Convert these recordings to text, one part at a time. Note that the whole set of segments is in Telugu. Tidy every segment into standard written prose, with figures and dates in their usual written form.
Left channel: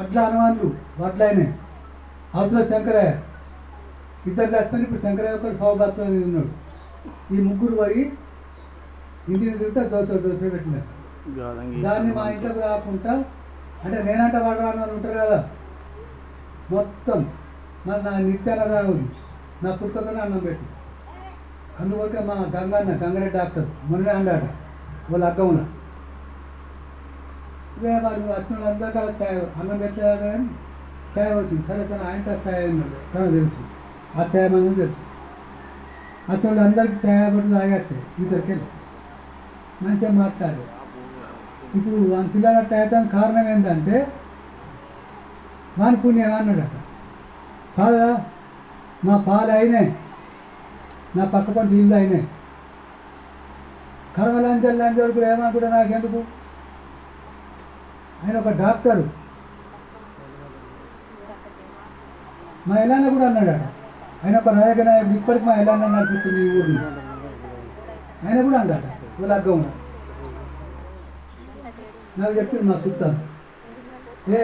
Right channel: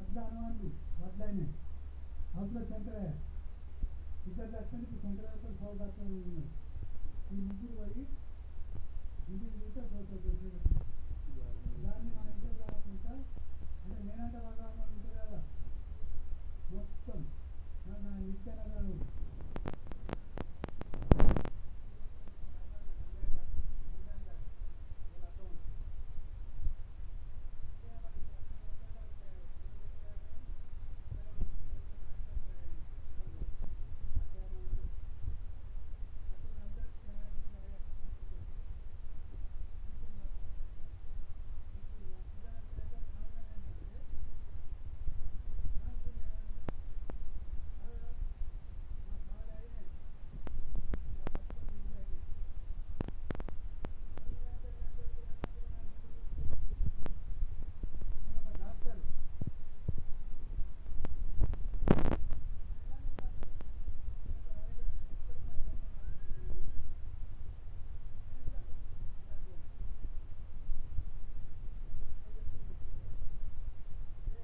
అట్లా అనుమానులు వడ్లైనాయి. హౌస్లో శంకరయ్య ఇద్దరు చచ్చిపోయి ఇప్పుడు శంకరయ్య ఒకటి సౌభాగ్యం ఉన్నాడు. ఈ ముగ్గురు పోయి ఇంటిని తిరిగితే దోశ పెట్టినారు. దాన్ని మా ఇంట్లోకి రాకుండా అంటే నేనంటే వాడు వాళ్ళు ఉంటారు కదా మొత్తం మళ్ళీ నా నిత్యానదానం ఉంది. నా పుట్టుకతోనే అన్నం పెట్టి అందుకొరకే మా గంగారెడ్డి డాక్టర్ మొన్ననే అన్నాడు వాళ్ళ అగ్గమున ఇవే వాళ్ళు వచ్చిన వాళ్ళందరికీ అలా ఛాయ్ అన్నం పెట్టారు కానీ ఛాయ్ వచ్చింది. సరే తను ఆయన ఛాయ్ అన్నాడు తనకు తెలుసు ఆ ఛాయ్ మంది తెలుసు. వచ్చిన వాళ్ళందరికీ ఛాయ్ పట్టు తాగేస్తాయి ఇద్దరికి మంచిగా మాట్లాడు. ఇప్పుడు వాళ్ళ పిల్లల తాగడానికి కారణం ఏంటంటే వాని పుణ్యం అన్నాడట. చాలా నా పాలు అయినాయి, నా పక్క పంట ఇల్లు అయినాయి. కడవలంజల్ వరకు ఏమనుకుంటా నాకెందుకు. ఆయన ఒక డాక్టరు మా ఇలాన్న కూడా అన్నాడట. ఆయన ఒక నాయక నాయకుడు ఇప్పటికి మా ఇలాన్న నడిపిస్తుంది ఈ ఊరిని. ఆయన కూడా అన్నాడట వీళ్ళ అగ్గం నాకు చెప్పింది మా చుట్టాలు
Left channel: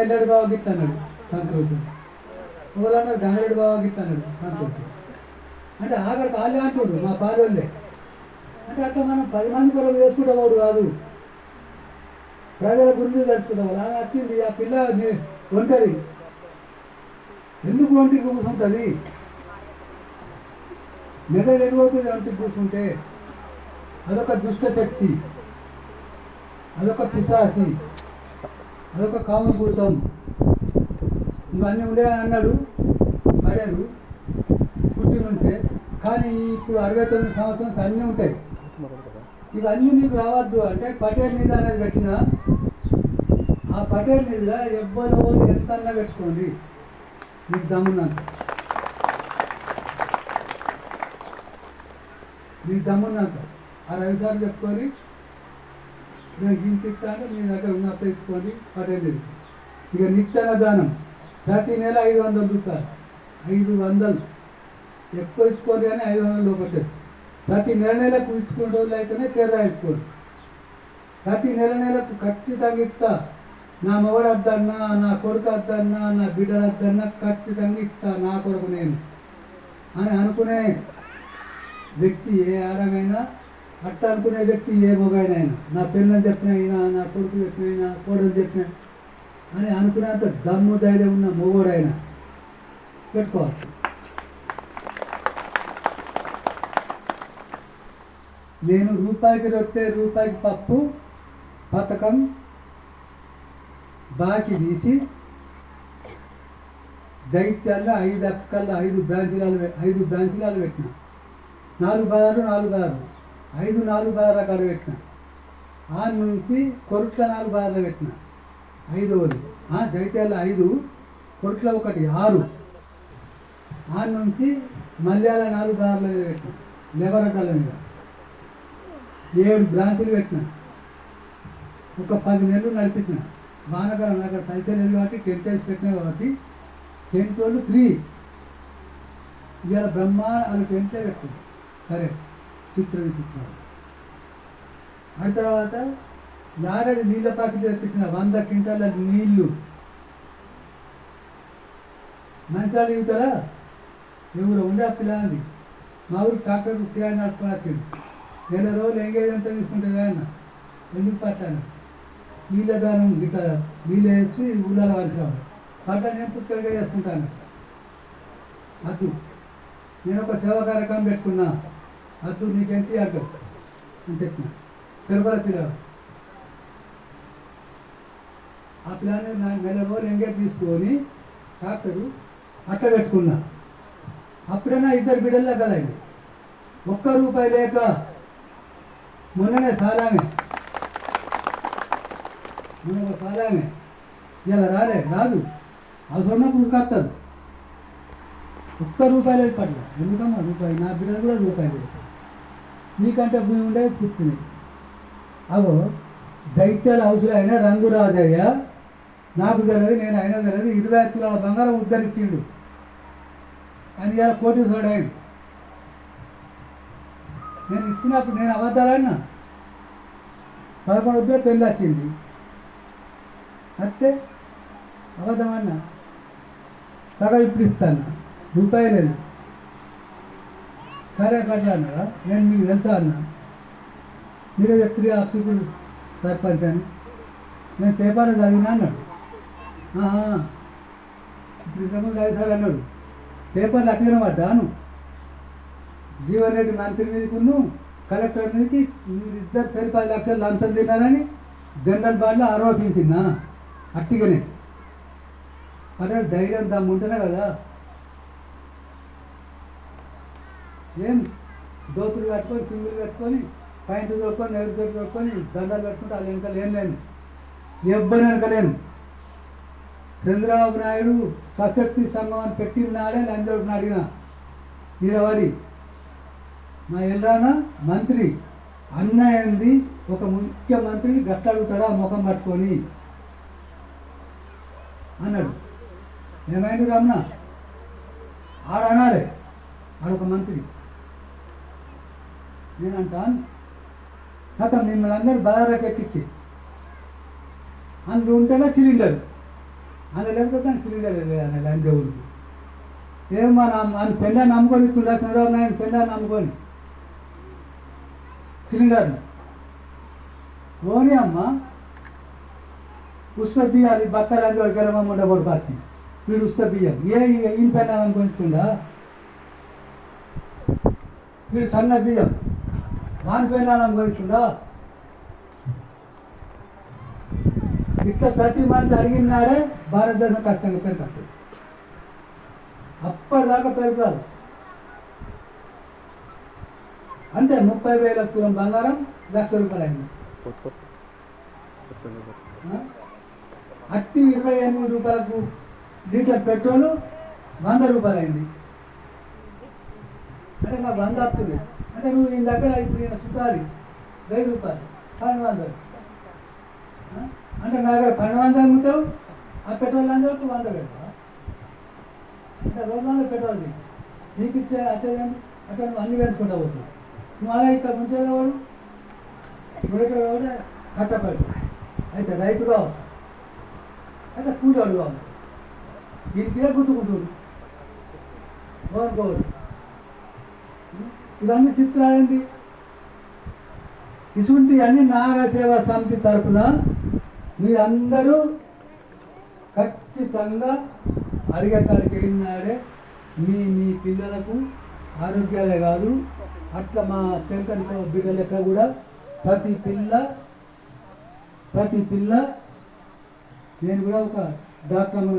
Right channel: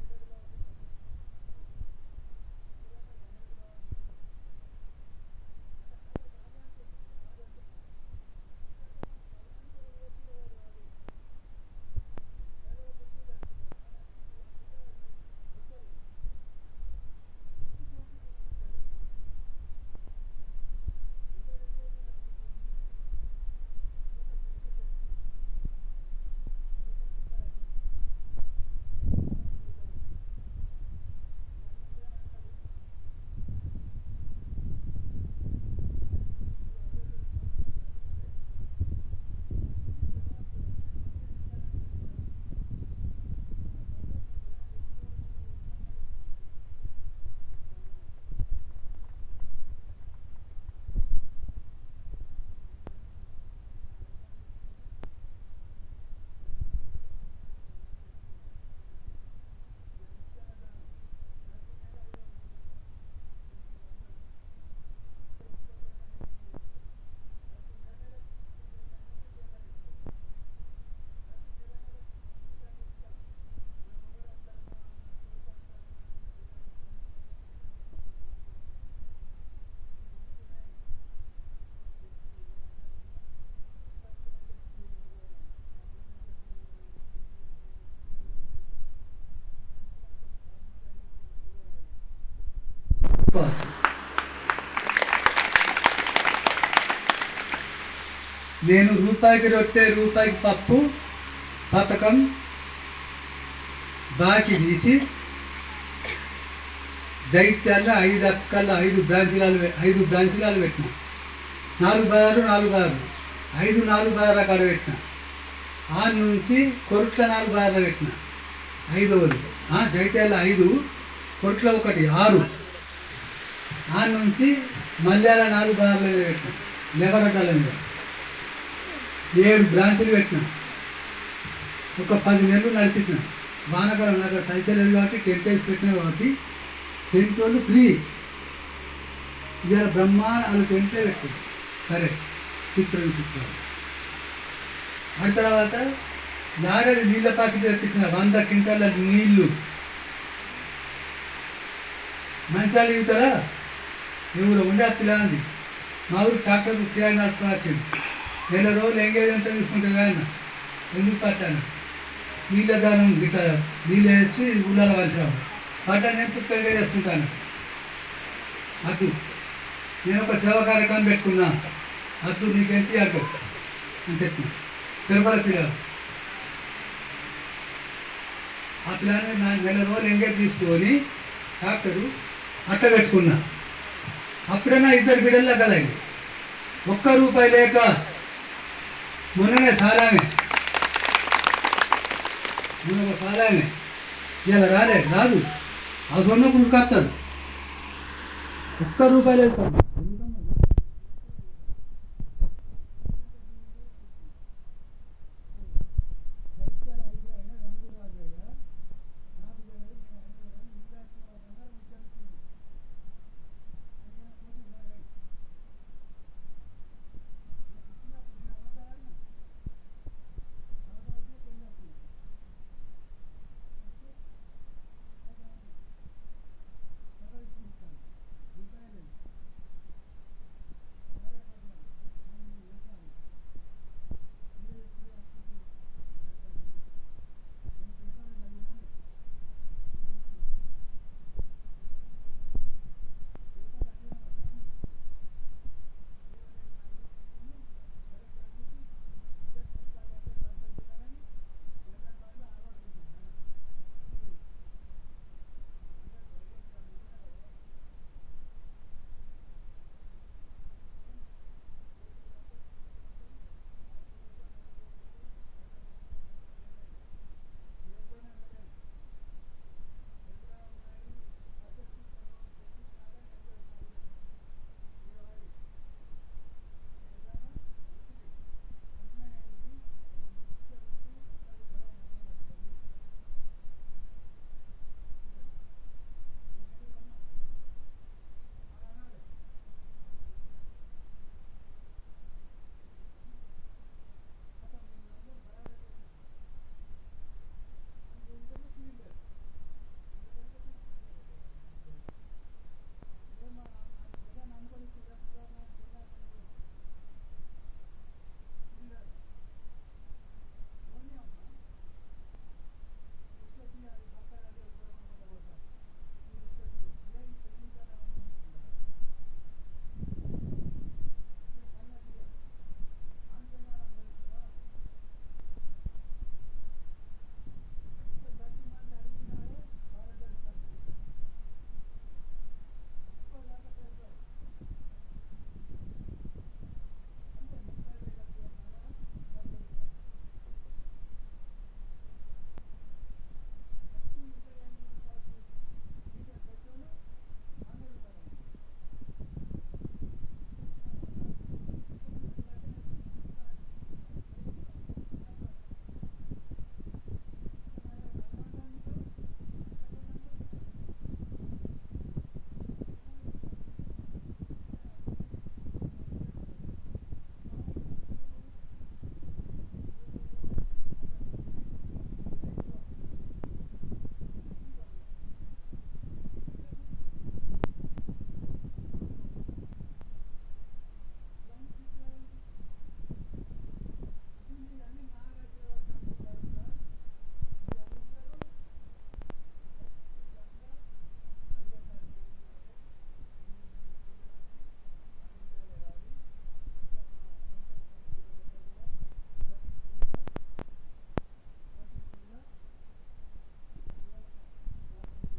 ఎల్లడి బావ గిట్ట అన్నాడు సంతోషం. ఒకళ్ళన్నారు గంగరెడ్డి బావ గిట్ట అన్నాడు సంతోషం. అంటే ఆఖరికి వాళ్ళే అంటుండ్రు మా పాలోళ్ళే. అంటే అట్లా మనం 10 మంది కొరకు చేసుకుంటావాడు కాదు, ప్రజల గురించి తలుచుకుంటాం. ఆమె వచ్చింది ఆ పిల్ల ఒంటరి ఎందుకు ఒంటికి కూర్చుంటుంది, మెదడు ఎడిపోతుంది ఒంటికి కూర్చుంటే. అదొక దుష్ట శక్తి, అదొక పిశాసి, అదొక కామభూతం. ఇవన్నీ ఉండేవని అన్నాడు పడారు పుట్టి నుంచే. కానీ ఇప్పుడు 69 సంవత్సరాలు అన్నీ ఉంటాయి. ఇవన్నీ మీకు రావద్దు అంటే పటేల్ నిధి అనేది పెట్టిన ఆ పటేల్ నిధిలో ఎవ్వరో ఎంత అన్నా పెట్టుకోండి మీకు దమ్మున్నంత. మీకు దమ్మున్నంత ఆ 2 సార్లు చెప్పుకొని నేను ఇంత ఇస్తాను మీ దగ్గర ఉన్నప్పుడు ఇచ్చుకోండి పటేల్ నిధి. ఇక నిత్యాన్నదానం ప్రతి నెల 500 రూపాయలు 500 ఎక్కువ ఇచ్చుకోండి కానీ 500 లోపట్టేది. ప్రతి నెలకు ఇచ్చుకునే రోజులు అయితేనే చీర ఇచ్చుకోండి. ప్రతి నెలకు ఖచ్చితంగా ఇస్తా. నా మొగడు వద్దన్నా, నా కొడుకు వద్దన్నా, నా బిడ్డలు వద్దన్నా ఖచ్చితంగా ఇస్తా నా కొడుకు నేను అని అనుకునే వ్యక్తి ఏ ఆడమైనా, అట్ట అనుకునే వ్యక్తి ఏ మొగైనైనా, నా పిల్లలు చెప్పినైనా, నా కొడుకు చెప్పినైనా, కోడలు చెప్పిన అని అనుకునేంత దమ్ము ధైర్యం ఉన్న మొగోడైనా పెట్టుకోవచ్చు. నేను రూపాయికి రొట్టె రూపాయికి పప్పు పథకం బాకీ తీసి జైత్యాల్లో 5 అక్కల్లో 5 బ్రాంచీలాలు పెట్టిన. 4 బజార్లు 5 4 బజార్ల కాడ పెట్టిన. ఆ నుంచి కొరుట్ల 4 బజార్లు పెట్టిన 5వది. జైత్యాల్లో 5, కొరుట్ల 1 6. ఆ నుంచి మల్యాల 4 బజార్ల మీద పెట్టిన. లెవరడ్డాల మీద 7 బ్రాంచులు పెట్టిన. ఒక 10 నెలలు నడిపించిన. వానకాలం నాకు పైసలు లేదు కాబట్టి టెంట్ వేసి పెట్టినా కాబట్టి టెంట్ వాళ్ళు ఫ్రీ. ఇవాళ బ్రహ్మాండ టెంటే పెట్టింది. సరే చిత్రాలు ఆ తర్వాత నాగడి నీళ్ళ ప్యాకెట్ తెప్పించిన 100 క్వింటాల నీళ్లు. మంచాలు ఇగుతారా ఎవరు ఉండే ఆ పిల్లంది మా ఊరు ట్రాక్టర్ కిరాయి నడుపుకొని వచ్చింది. 2 రోజులు ఎంగేజ్మెంట్ తీసుకుంటే కానీ ఎందుకు పట్టాను నీళ్ళ దానం గిట్లా నీళ్ళు వేసి ఊళ్ళలో కలిసిరావు పట్టాను. నేను పుక్కగా చేసుకుంటాను. అద్దు నేను ఒక సేవా కార్యక్రమం పెట్టుకున్నా. అద్దు నీకు ఎంత అంటావు అని చెప్పిన. తిరుపతి పిల్లలు ఆ పిల్లని 2 రోజులు ఎంగేజ్ తీసుకొని ట్రాక్టరు అట్ట పెట్టుకున్నా. అప్పుడైనా 2 బిడ్డల్లో కదండి. ₹1 లేక మొన్ననే సాలామే ఇలా రాదు. అది ఉన్నప్పుడు ఉరికొస్తాడు. ₹1 వెళ్ళిపోండి. ఎందుకన్నా రూపాయి నా బిడ్డలు కూడా రూపాయలు. నీకంటే భూమి ఉండే పుట్టినాయి. అగో దైత్యాల హౌస్లో అయినా రంగు రాజయ్య నాకు తెలియదు, నేను అయినా తెలియదు 20 తులాల బంగారం ఉద్ధరించిండు అని ఇలా కోటీశ్వరుడు అయ్యాడు. నేను ఇచ్చినప్పుడు నేను అబద్ధాలన్నా 11 పెళ్ళి వచ్చింది. అంతే అబద్ధమన్నా సగం ఇప్పుడు ఇస్తాను రూపాయి లేదు. సరే కట్లా అన్నారా? నేను మీకు తెలుసా అన్నా? మీరే చెప్తుంది అప్సికుడు సర్పంచ్ అని. నేను పేపర్లో చదివినా అన్నాడు. ఇప్పుడు ఇంతకుముందు 5 సార్లు అన్నాడు. పేపర్లు అట్లనే పడ్డాను. జీవన్ రెడ్డి మంత్రి మీదకును కలెక్టర్ మీదకి ఇద్దరు సరి 10 లక్షలు లంచం తిన్నారని జనరల్ బాడీలో ఆరోపించిందా? అట్టిగానే అదే ధైర్యం దమ్ము ఉంటేనే కదా. ఏం దోతులు కట్టుకొని సింగులు కట్టుకొని పాయింట్లు దొరుకొని నెలలు దొరుకొని దండాలు కట్టుకుంటే అది వెనకాల ఏం లేను, ఎవ్వరు వెనకలేను. చంద్రబాబు నాయుడు స్వశక్తి సంఘం అని పెట్టినాడే లంచోడిని అడిగిన నిలబడి మా ఎల్రాన మంత్రి అన్న ఏంది ఒక ముఖ్యమంత్రిని గట్లడుగుతాడా ముఖం పట్టుకొని అన్నాడు. ఏమైంది రమణ? ఆడనాలే ఆడొక మంత్రి. నేనంటాను కథ మిమ్మల్ని అందరూ బలారకు ఎక్కించి అందులో ఉంటేనే సిలిండర్, అందులో లేకపోతే దాని సిలిండర్ లేదు లంచోడు. ఏమో అని పెళ్ళ నమ్ముకొని ఇస్తుండ చంద్రబాబు నాయుడు పెళ్ళ నమ్ముకొని సిలిండర్లు ఓని అమ్మ ఉస్త బియ్యాలి బక్కలు అంజోడు గెలవమ్మ ఉండకూడదు పార్టీ వీడు ఉస్త బియ్యం ఈయన పెళ్ళ అనుకుంటుండా? వీడు సన్న బియ్యం దాని పెళ్ళ అనుకుంటుండా? ఇట్లా ప్రతి మనిషి అడిగినాడే భారతదేశం ఖచ్చితంగా పెరుగుతుంది. అప్పటిదాకా పెరుగుతారు అంతే. 30,000 తులం బంగారం ₹1,00,000 అయింది. అట్టి 28 రూపాయలకు లీటర్ పెట్రోలు ₹100 అయింది. అంటే నాకు 100 వస్తుంది అంటే నువ్వు ఈ దగ్గర ఇప్పుడు ఈయన చుట్టాలి ₹1000 1200 అంటే నా దగ్గర 1200 అమ్ముతావు, ఆ పెట్రోల్ అందరికి 100 పెడతావా? అంటే రోజుల్లో పెట్రోల్ నీకు ఇచ్చే అచ్చేదేంటి అంటే నువ్వు అన్ని పెంచుకుంటా పోతావు. నువ్వు అలా ఇక్కడ ఉంచేవాడు కూడా కట్టపడి అయితే రైతు కావచ్చు అయితే కూలివాడు కావచ్చు. దీనికే గుర్తుకుంటుంది కోరుకోవద్దు. ఇవన్నీ చిత్రాలేంటి? ఇటువంటి అన్ని నాగసేవా సమితి తరఫున మీరందరూ ఖచ్చితంగా అడిగేకాడికి వెళ్ళినాడే మీ పిల్లలకు ఆరోగ్యాలే కాదు, అట్లా మా శంకర్ బిడ్డ లెక్క కూడా ప్రతి పిల్ల నేను కూడా ఒక డాక్టర్